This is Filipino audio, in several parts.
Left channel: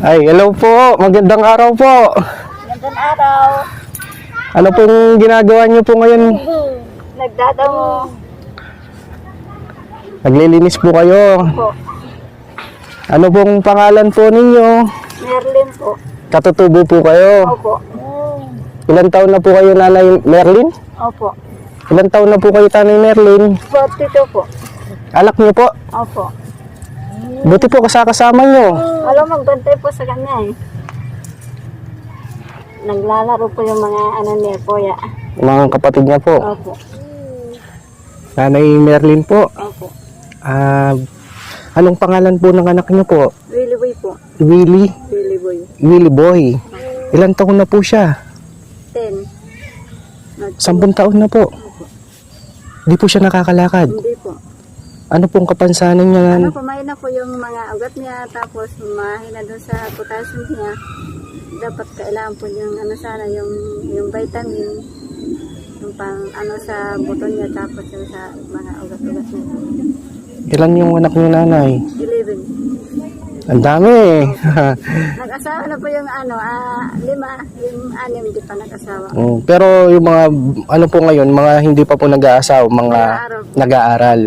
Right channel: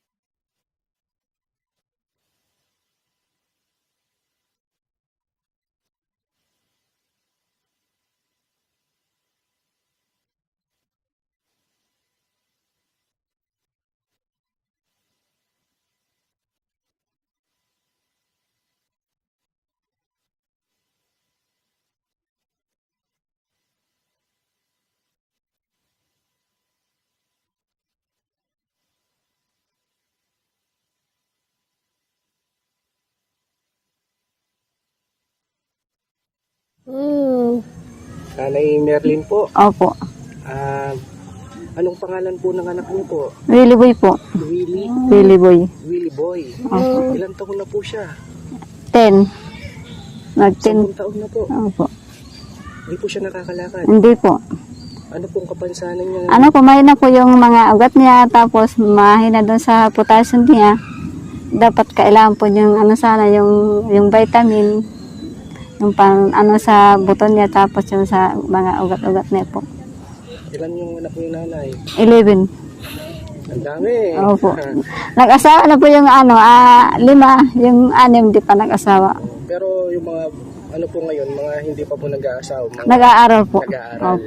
Ay, hello po. Magandang araw po. Magandang araw. Ano pong ginagawa niyo po ngayon? Nagdadamo Naglilinis po kayo. po. Ano pong pangalan po ninyo? Merlin po. Katutubo po kayo. Opo. Ilan taon na po kayo, Nanay Merlin? Opo. Ilan taon na po kayo, Tanay Merlin? 42 po. Anak niyo po. Opo. Buti po kasama niyo. Alam, magbantay po sa kanya eh. Naglalaro po yung mga ano niya po ya. Mga kapatid niya po. Opo. Nanay Merlin po. Opo. Anong pangalan po ng anak niyo po? Willy Boy po. Willie? Willy Boy. Willie Boy. Ilan taon na po siya? 10. 10 taon na po. Opo. Di po siya nakakalakad. Hindi po. Ano pong kapansanan niya? Ano, kumain na po yung mga ugat niya, tapos mahina doon sa potassium niya. Dapat kailangan po yung ano sana, yung vitamin, yung pang ano sa buto niya, tapos yung sa mga ugat-ugat niya po. Ilan yung anak niyo, Nanay? 11. Ang dami. Opo. Nag-asawa na po yung ano, 5, yung 6 di pa nag-asawa. Pero yung mga, ano po ngayon, mga hindi pa po nag-aasawa, mga Nag-aaral po. nag-aaral.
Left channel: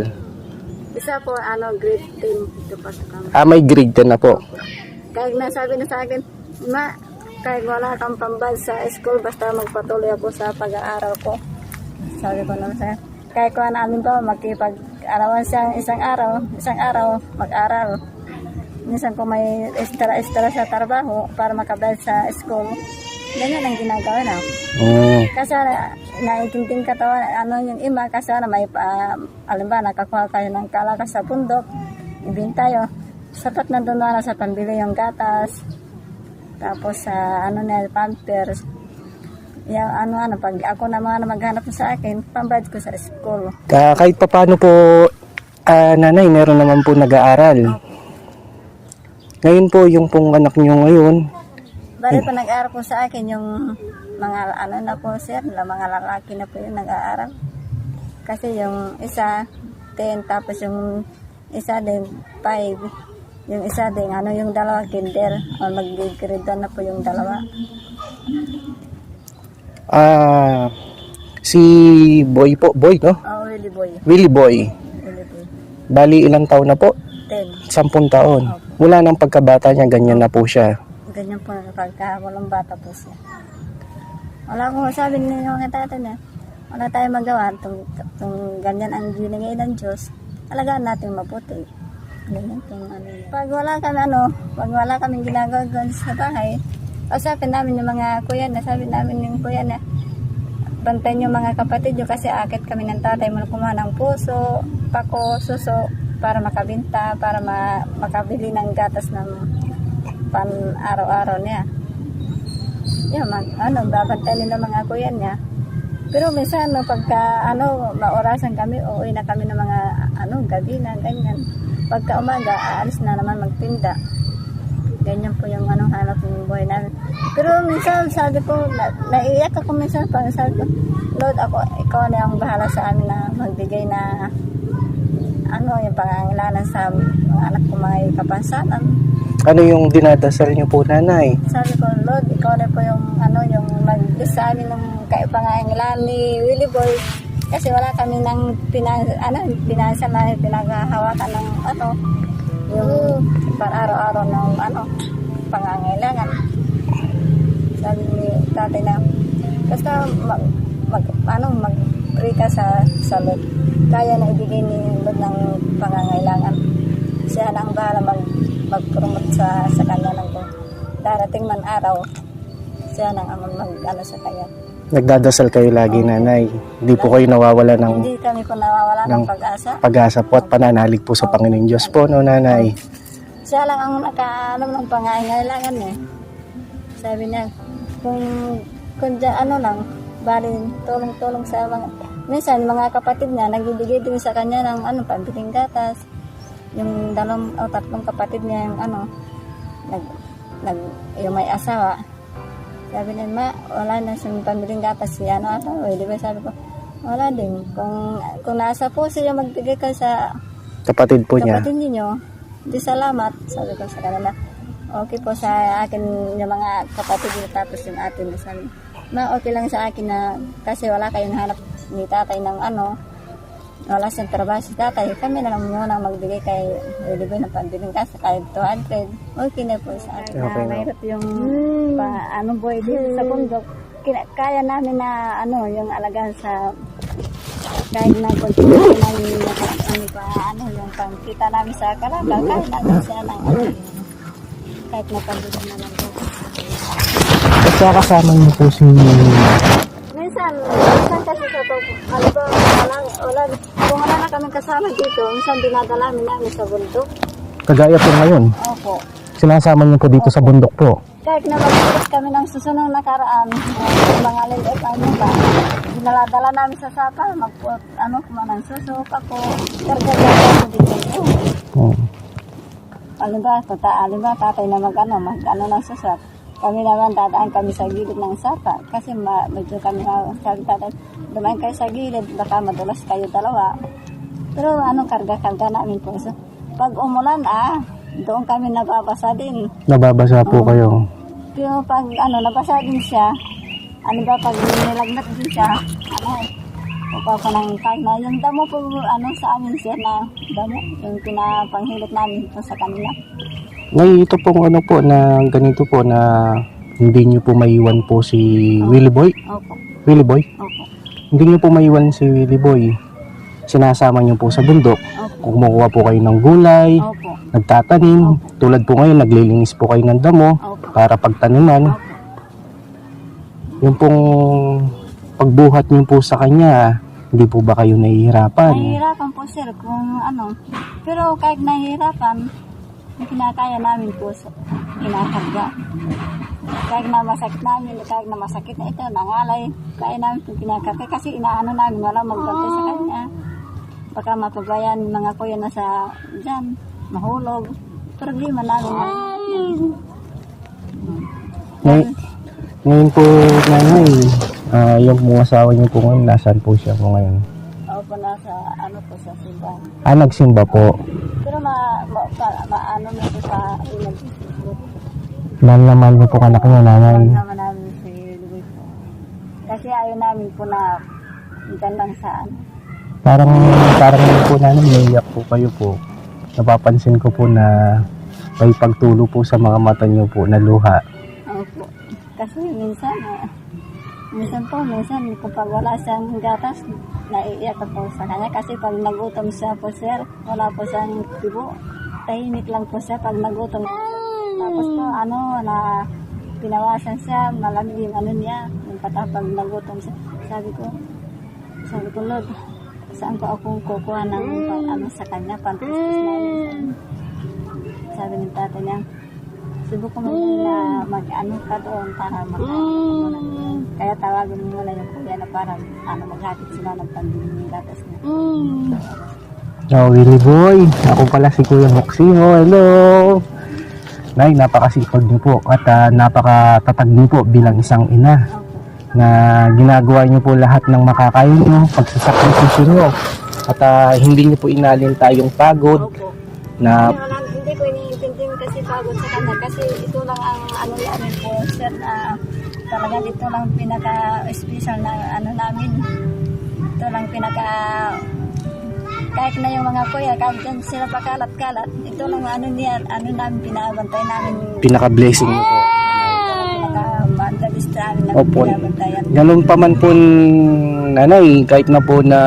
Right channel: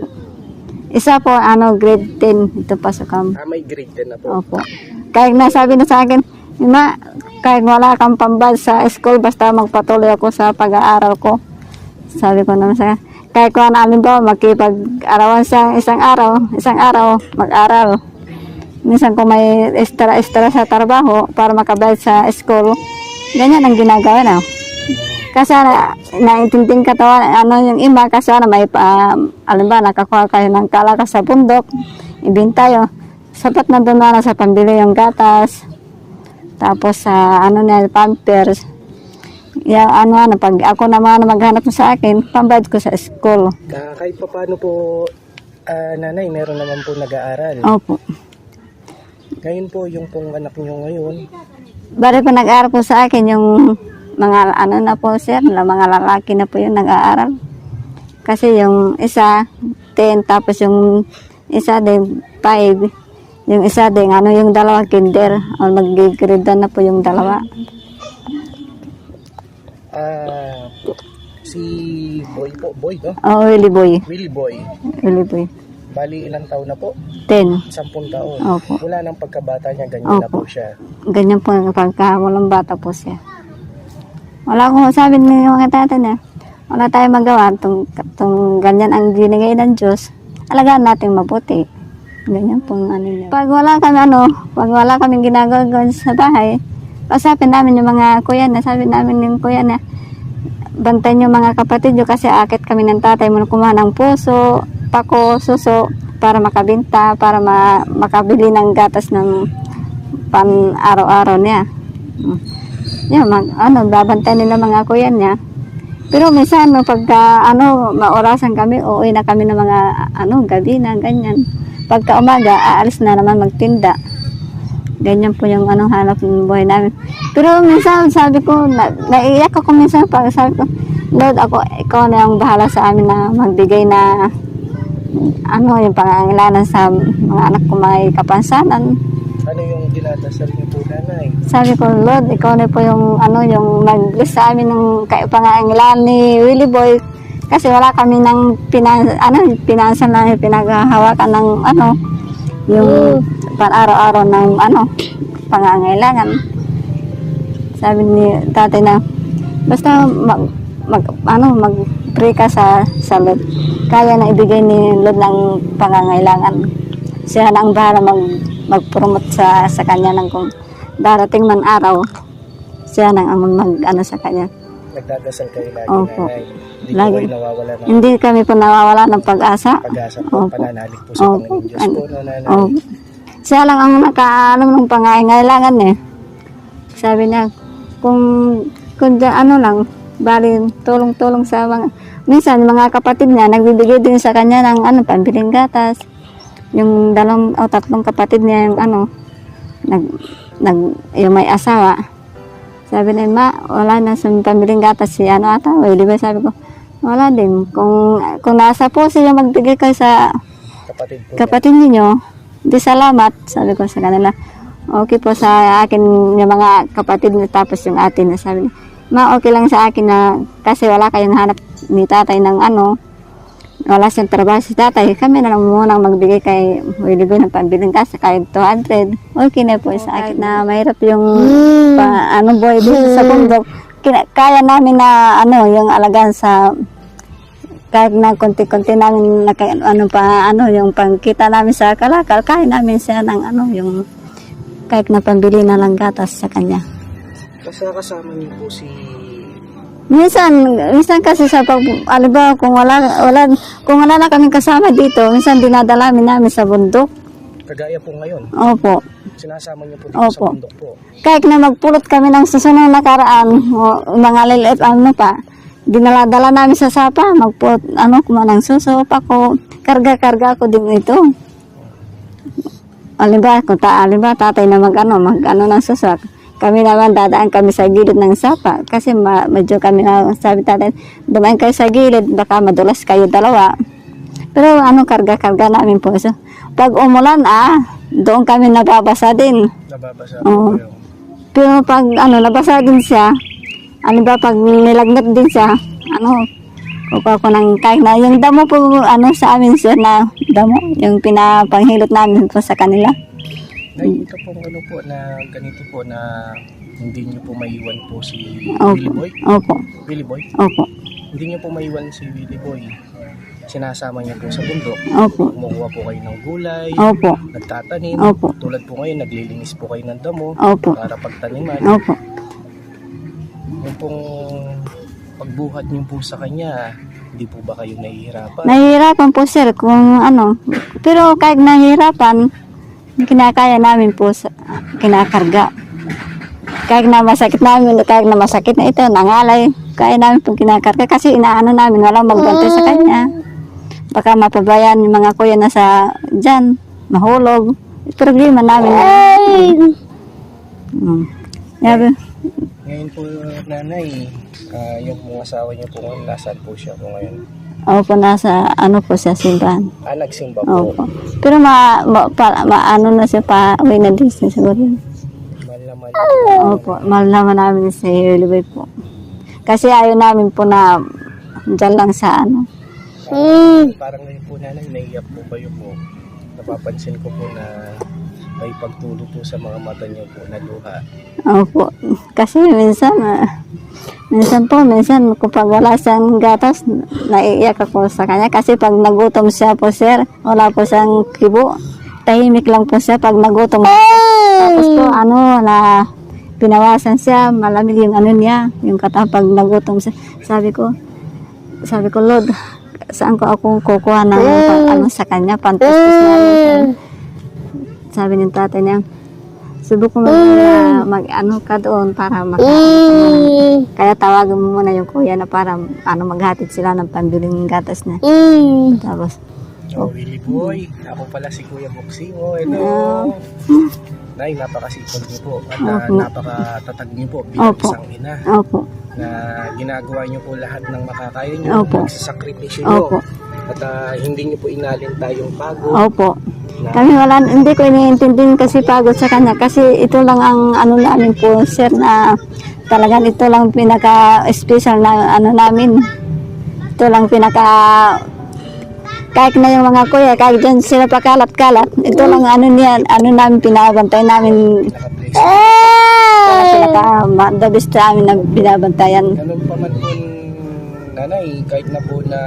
Isa po, ano, grade 10, ito pa sa kam. May grade 10 na po. Opo. Kahit nasabi na sa akin, Ma, kahit wala kang pambad sa school, basta magpatuloy ako sa pag-aaral ko. Sabi ko naman sa kahit kung namin ba, makipag-arawan sa isang araw, mag-aral. Minsan kung may extra sa trabaho para makabayad sa school, ganyan ang ginagawa na. Kasi naiintindihan ka to, ano yung ima, kasi may alam ba, nakakuha kayo ng kalakas sa bundok, ibinta yun. Sapat na doon na sa pambili yung gatas, tapos sa ano na, pampers. Yung ano, pag ako naman maghanap sa akin, pambayad ko sa school. Kahit pa paano po, Nanay, meron naman po nag-aaral. Opo. Ngayon po, yung pong anak niyo ngayon, Bari pa nag-aaral po sa akin yung mga ano na po sir, mga lalaki na po yung nag-aaral. Kasi yung isa, 10, tapos yung isa din, 5. Yung isa din, ano yung dalawa, kinder. O mag-grade na po yung dalawa. si Boy po, Boy, no? Oh, Willy Boy. Willie Boy. Willy Boy. Bali, ilang taon na po? 10. 10 taon. Opo. Mula ng pagkabata niya, ganyan na po Opo. siya. Ganyan po pagka walang bata po siya. Wala akong sabi ng mga tatay na wala tayong magawa. Itong ganyan ang binigay ng Diyos. Alagaan natin mabuti. Ganyan pong ano niya. Pag wala kaming ginagawa sa bahay, pasapin namin yung mga kuya na, sabi namin yung kuya na, bantayan yung mga kapatid nyo kasi akit kami ng tatay mo kumuha ng puso, pako, suso, para makabinta, para makabili ng gatas ng pan araw-araw niya. Yun, babantayan nila mga kuya niya. Pero minsan, pagka maorasan kami, uuwi na kami ng mga gabi na, ganyan. Pagka umaga, aalis na naman magtinda. Ganyan po yung hanap ng buhay namin. Pero minsan, sabi ko, naiiyak ako minsan pag sabi ko, Lord, ikaw na yung bahala sa amin na magbigay na yung pangangailangan sa mga anak ko may kapansanan. Ano yung dinadasal niyo po, Nanay? Sabi ko, Lord, ikaw na po yung yung nag-bless sa amin ng pangangailangan ni Willy Boy. Kasi wala kami ng pinansan na pinaghahawakan ng yung para-araw-araw ng pangangailangan. Sabi ni tatay na basta mag-pray ka sa Lord. Kaya na ibigay ni Lord ng pangangailangan. Siya na ang bahala mag-promote sa kanya ng kung darating man araw. Siya na ang sa kanya. Nagdadasal kayo lagi, Opo. Nanay. Hindi po Lagi. kayo nawawala ng Hindi kami po nawawala ng pag-asa. pag-asa po at Opo. pananalig po sa Opo. Panginoon Diyos po, no, Nanay? Opo. Siya lang ang nakaalam ng pangangailangan eh. Sabi niya, kung lang, bali tulong-tulong sa mga, minsan mga kapatid niya, nagbibigay din sa kanya ng pambiling gatas. Yung 2 o 3 kapatid niya, yung yung may asawa. Sabi niya, Ma, wala na sa pambiling gatas si ata. Di ba sabi ko, wala din. Kung nasa po siya magbigay kayo sa Kapatid po niya. kapatid ninyo, di salamat, sabi ko sa kanila. Okay po sa akin yung mga kapatid niya, tapos yung ate na sabi niya, ma, okay lang sa akin na kasi wala kayong hanap ni tatay ng ano, wala siyang trabaho si tatay, kami na lang munang magbigay kay Willie Boy ng pambiling kasi kahit 200, okay na po sa akin na mahirap yung boy sa bundok, kaya namin na ano, yung alagaan sa kahit na konti-konti namin yung pangkita namin sa kalakal, kaya namin siya ng yung kahit na pambili na lang gatas sa kanya. Kaya kasama niyo po si... Minsan kasi sa kung wala na kaming kasama dito, minsan dinadala namin sa bundok. Kagaya po ngayon. Opo. Sinasama niyo po dito sa Opo. bundok po. Kahit na magpulot kami ng susunod na karaan, mga liliit pa, dinaladala namin sa sapa, magpulot, ng suso, pako, karga-karga ko din ito. Oh. Alimba, tatay na mag ng suso. Kami naman dadaan kami sa gilid ng sapa kasi medyo kami na sabi tatay, dumaan kayo sa gilid, baka madulas kayo dalawa. Pero karga-karga namin po. So, pag umulan, doon kami nababasa din. Nababasa po kayo. Pero pag nabasa din siya, pag nilagnat din siya, upa ko ng kahit na yung damo po, sa amin sir na damo, yung pinapanghilot namin po sa kanila. Ngayon ito pong na ganito po na hindi niyo po maiwan po si Willie Boy? Opo. Willie Boy? Opo. Hindi niyo po maiwan si Willie Boy. Sinasama niyo po sa bundok. Opo. Kumukuha po kayo ng gulay. Opo. Nagtatanim. Opo. Tulad po ngayon, naglilinis po kayo ng damo. Opo. Para pagtaniman. Opo. Yung pong pagbuhat niyo po sa kanya, hindi po ba kayo nahihirapan? Nahihirapan po sir kung pero kahit nahihirapan, kinakaya namin po kinakarga. Kahit na masakit na ito, nangalay, kaya namin po kinakarga kasi namin, walang magbantay sa kanya. Baka mapabayaan yung mga kuya na dyan, mahulog. Problema namin. Ngayon po, nanay, yung mga asawa niyo po ngayon, nasaan po siya po ngayon? Opo, nasa po siya, simbahan. Nagsimba po. Opo. Pero na siya, uwi na din siya siguro. Mahal na mahal na po kayo po, nanay. Mahal naman namin sa Willie po. Kasi ayaw namin po na dyan lang sa Parang po nanay, naiyak po kayo po. Napapansin ko po na may pagtulo po sa mga mata niyo po na luha. Opo. Kasi minsan kapag wala siyang gatas, naiiyak ako sa kanya. Kasi pag nagutom siya po sir, wala po siyang kibo. Tahimik lang po siya pag nagutom. Tapos po na pinawasan siya, malamig yung niya, yung pag nagutom siya. Sabi ko, Lord, saan ko ako kukuha ng sa kanya, pantastos na yun. Sabi ng tatay niya, subok mo na ka doon para makain. Kaya tawagan mo muna yung kuya na para maghatid sila ng pambiling gatas na. Tapos, Willie Boy, ako pala si Kuya Moximo. Hello! Nay, napakasipag niyo po at napakatatag niyo po bilang isang ina. Opo. Na ginagawa niyo po lahat ng makakaya niyo, pagsasakripisyo niyo. At hindi niyo po inalin tayong pagod. Opo. Kami hindi ko iniintindihan kasi pagod sa kanya kasi ito lang ang namin po sir na talagang ito lang pinaka-special na namin. Ito lang kahit na yung mga kuya, kahit dyan sila pakalat-kalat, ito lang namin pinabantay namin. Pinaka-blessing. The best namin na pinabantayan. Ganun pa man po, nanay, kahit na po na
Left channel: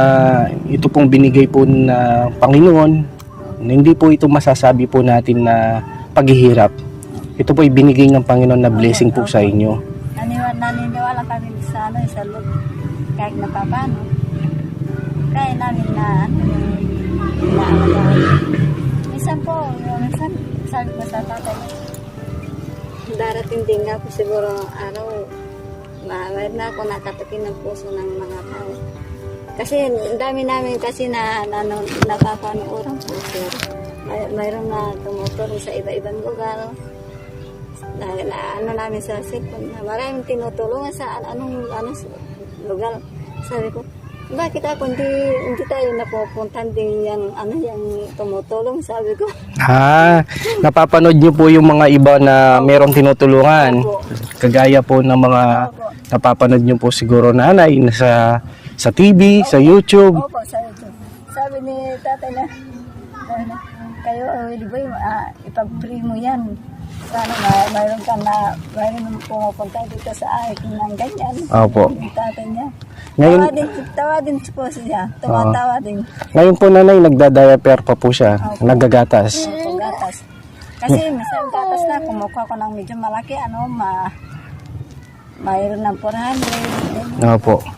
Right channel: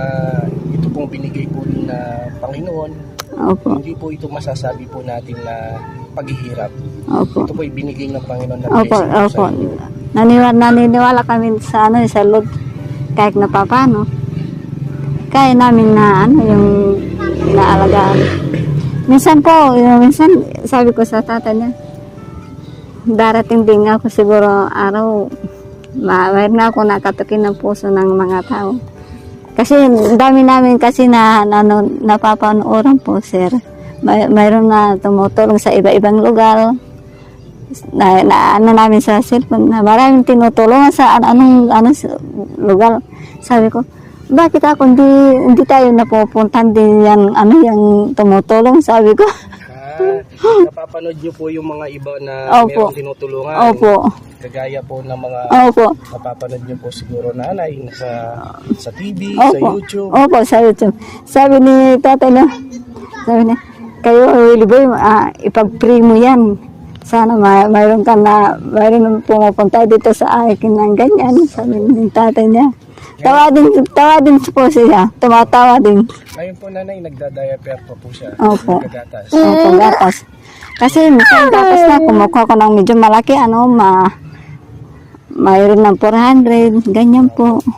ito pong binigay po na Panginoon, Opo. hindi po ito masasabi po natin na paghihirap. Opo. Ito po ay binigay ng Panginoon na blessing po sa inyo. Naniniwala kami sa Lord, kahit na paano. Kaya namin na yung inaalagaan. Minsan sabi ko sa tatay niya, darating din ako siguro araw, mayroon na ako nakatukin ng puso ng mga tao. Kasi dami namin kasi napapanooran po sir. Mayroon na tumutulong sa iba-ibang lugar. Namin sa cellphone na maraming tinutulungan sa anong lugar. Sabi ko, bakit ako hindi tayo napupuntan din yan, yung tumutulong, sabi ko. Napapanood niyo po yung mga iba na Opo. merong tinutulungan. Opo. Kagaya po ng mga Opo. napapanood niyo po siguro nanay sa TV, sa Opo. YouTube. Opo, sa YouTube. Sabi ni tatay na, sabi niya, kayo, Willie Boy, ipag-pray mo yan. Sana mayroon pumupunta dito sa akin ng ganyan. Sabi Opo. ni tatay niya. Ngayon- Tawa din po siya. Tumatawa din. Ngayon po nanay, nagda-diaper pa po siya. Opo. Nagagatas. Opo, gatas. Kasi minsan gatas na, kumukuha ko ng medyo malaki, mayroon ng 400, ganyan po. Opo.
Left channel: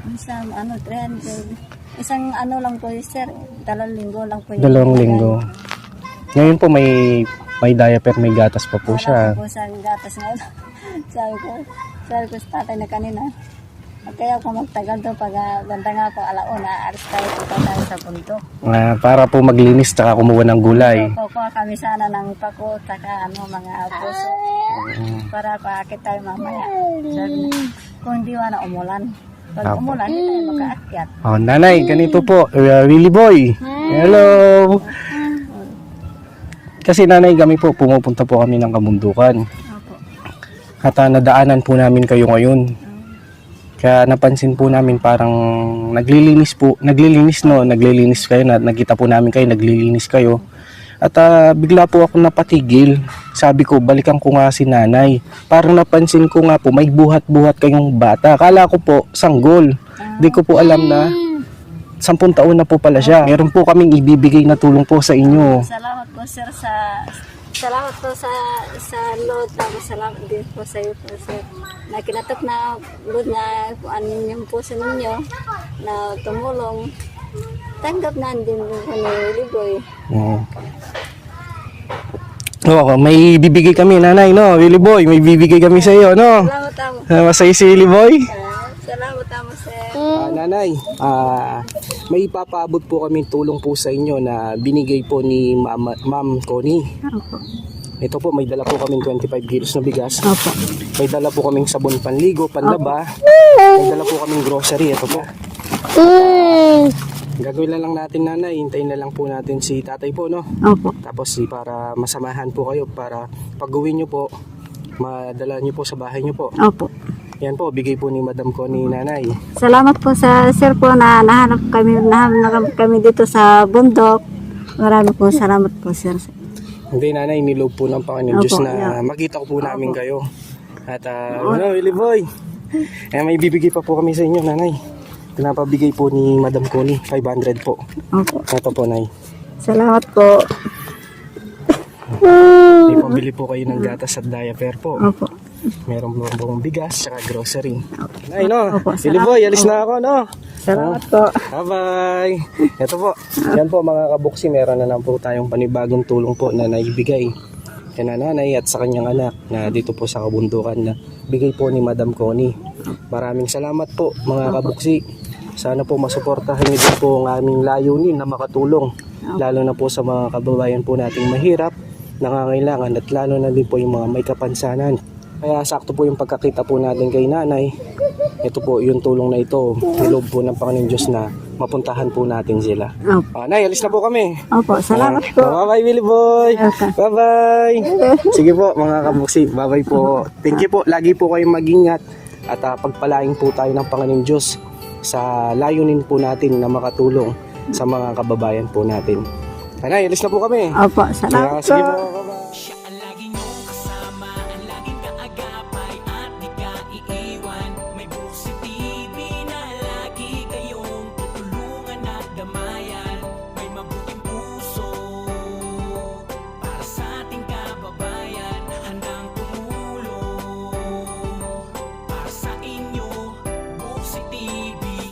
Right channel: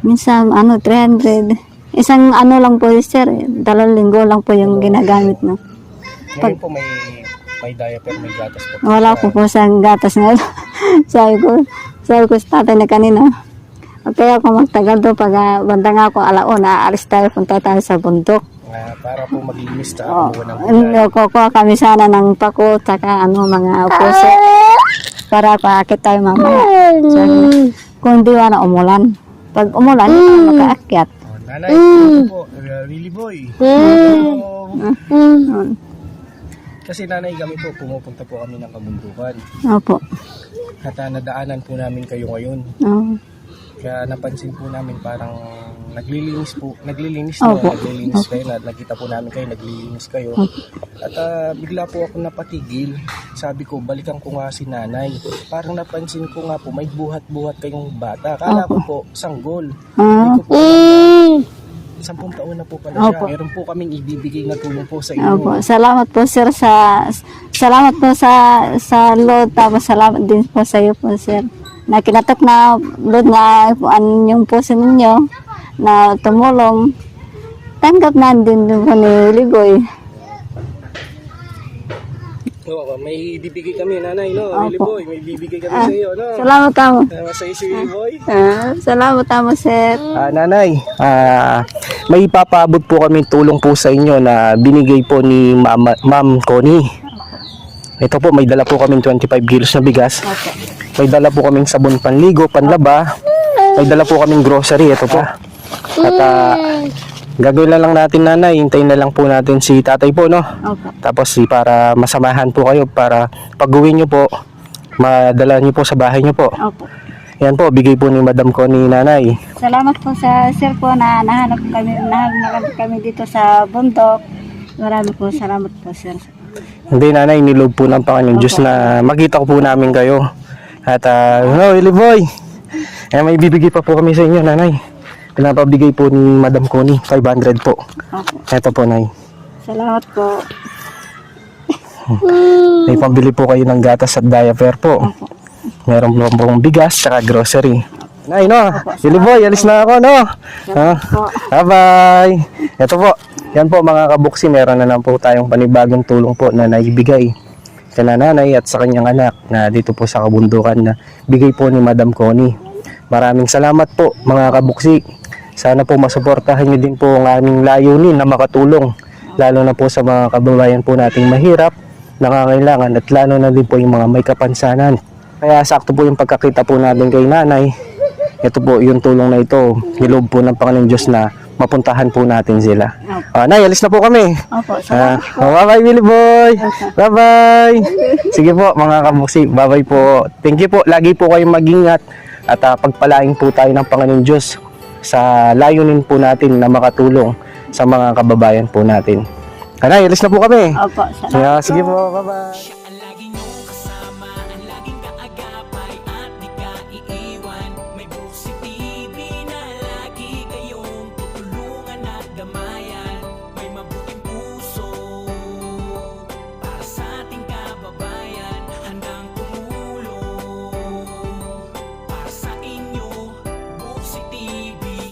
Minsan, 300. Isang lang po, sir, 2 linggo lang po yung 2 ginagamit linggo. na. Ngayon po may diaper, may gatas pa po Wala siya. po sa gatas na. sabi ko sa tatay na kanina, kaya ako magtagal doon pag banda nga ako alauna, alis tayo, punta tayo sa bundok. Para po maglinis tsaka kumuha ng gulay. Kukuha kami sana ng pako, tsaka mga puso, para paakit tayo mamaya. Sabi, kung di wala umulan. Pag umulan, hindi tayo makaakyat. Nanay, ganito po. Willie Boy. Hello. Kasi nanay, kami po, pumupunta po kami ng kabundukan. Opo. At nadaanan po namin kayo ngayon. Oo. Kaya napansin po namin parang naglilinis Opo. naglilinis kayo, nakita po namin kayo, naglilinis kayo. At bigla po ako napatigil. Sabi ko, balikan ko nga si nanay. Parang napansin ko nga po, may buhat-buhat kayong bata. Kala ko po, sanggol. Hindi ko po alam na 10 taon na po pala siya. Meron po kaming ibibigay na tulong po sa Opo. inyo. Salamat po, sir, salamat po sa Lord, tapos salamat din po sa iyo po, sir. Na kinatak na Lord na yung puso ninyo na tumulong. Tanggap na din po ni Ligoy. May bibigay kami, nanay, no? Willie Boy, may bibigay kami sa iyo, no? Salamat tamo. Masaya si Willie Boy? Salamat tamo, sir. Nanay, may ipapaabot po kami tulong po sa inyo na binigay po ni Ma'am Connie. Ito po, may dala po kami 25 kilos na bigas. Opo. May dala po kaming sabon panligo, panlaba. May dala po kaming grocery. Ito po. At gagawin na lang natin, nanay. Hintayin na lang po natin si tatay po, no? Opo. Tapos para masamahan po kayo, para pag-uwi nyo po, madala nyo po sa bahay nyo po. Opo. Yan po, bigay po ni Madam Connie, nanay. Salamat po sa sir po na nahanap kami dito sa bundok. Maraming po salamat po, sir. Hindi, nanay, niloob po ng Panginoon Diyos na makita ko po namin kayo. At hello, Willie Boy. May bibigay pa po kami sa inyo, nanay. Pinapabigay po ni Madam Connie, 500 po. Opo. Ito po, nay. Salamat po. May pambili po kayo ng gatas at diaper po. Opo. Meron po pong bigas at grocery. Nay, no? Willie Boy, alis na ako, no? Salamat po. Bye-bye. Ito po. Yan po, mga kabuksi, meron na lang po tayong panibagong tulong po na naibigay kay nanay at sa kanyang anak na dito po sa kabundukan na bigay po ni Madam Connie. Maraming salamat po, mga kabuksi. Sana po masuportahan niyo din po ang aming layunin na makatulong, lalo na po sa mga kababayan po nating mahirap, nangangailangan, at lalo na din po yung mga may kapansanan. Kaya sakto po yung pagkakita po natin kay nanay. Ito po yung tulong na ito, niloob po ng Panginoon Diyos na mapuntahan po natin sila. Nay, alis na po kami. Opo, salamat po. Bye-bye, Willie Boy. Bye-bye. Sige po, mga kabuksi. Bye-bye po. Thank you po. Lagi po kayong mag-ingat at pagpalain po tayo ng Panginoon Diyos sa layunin po natin na makatulong sa mga kababayan po natin. Nay, alis na po kami. Opo, salamat Sige po. po, bye-bye.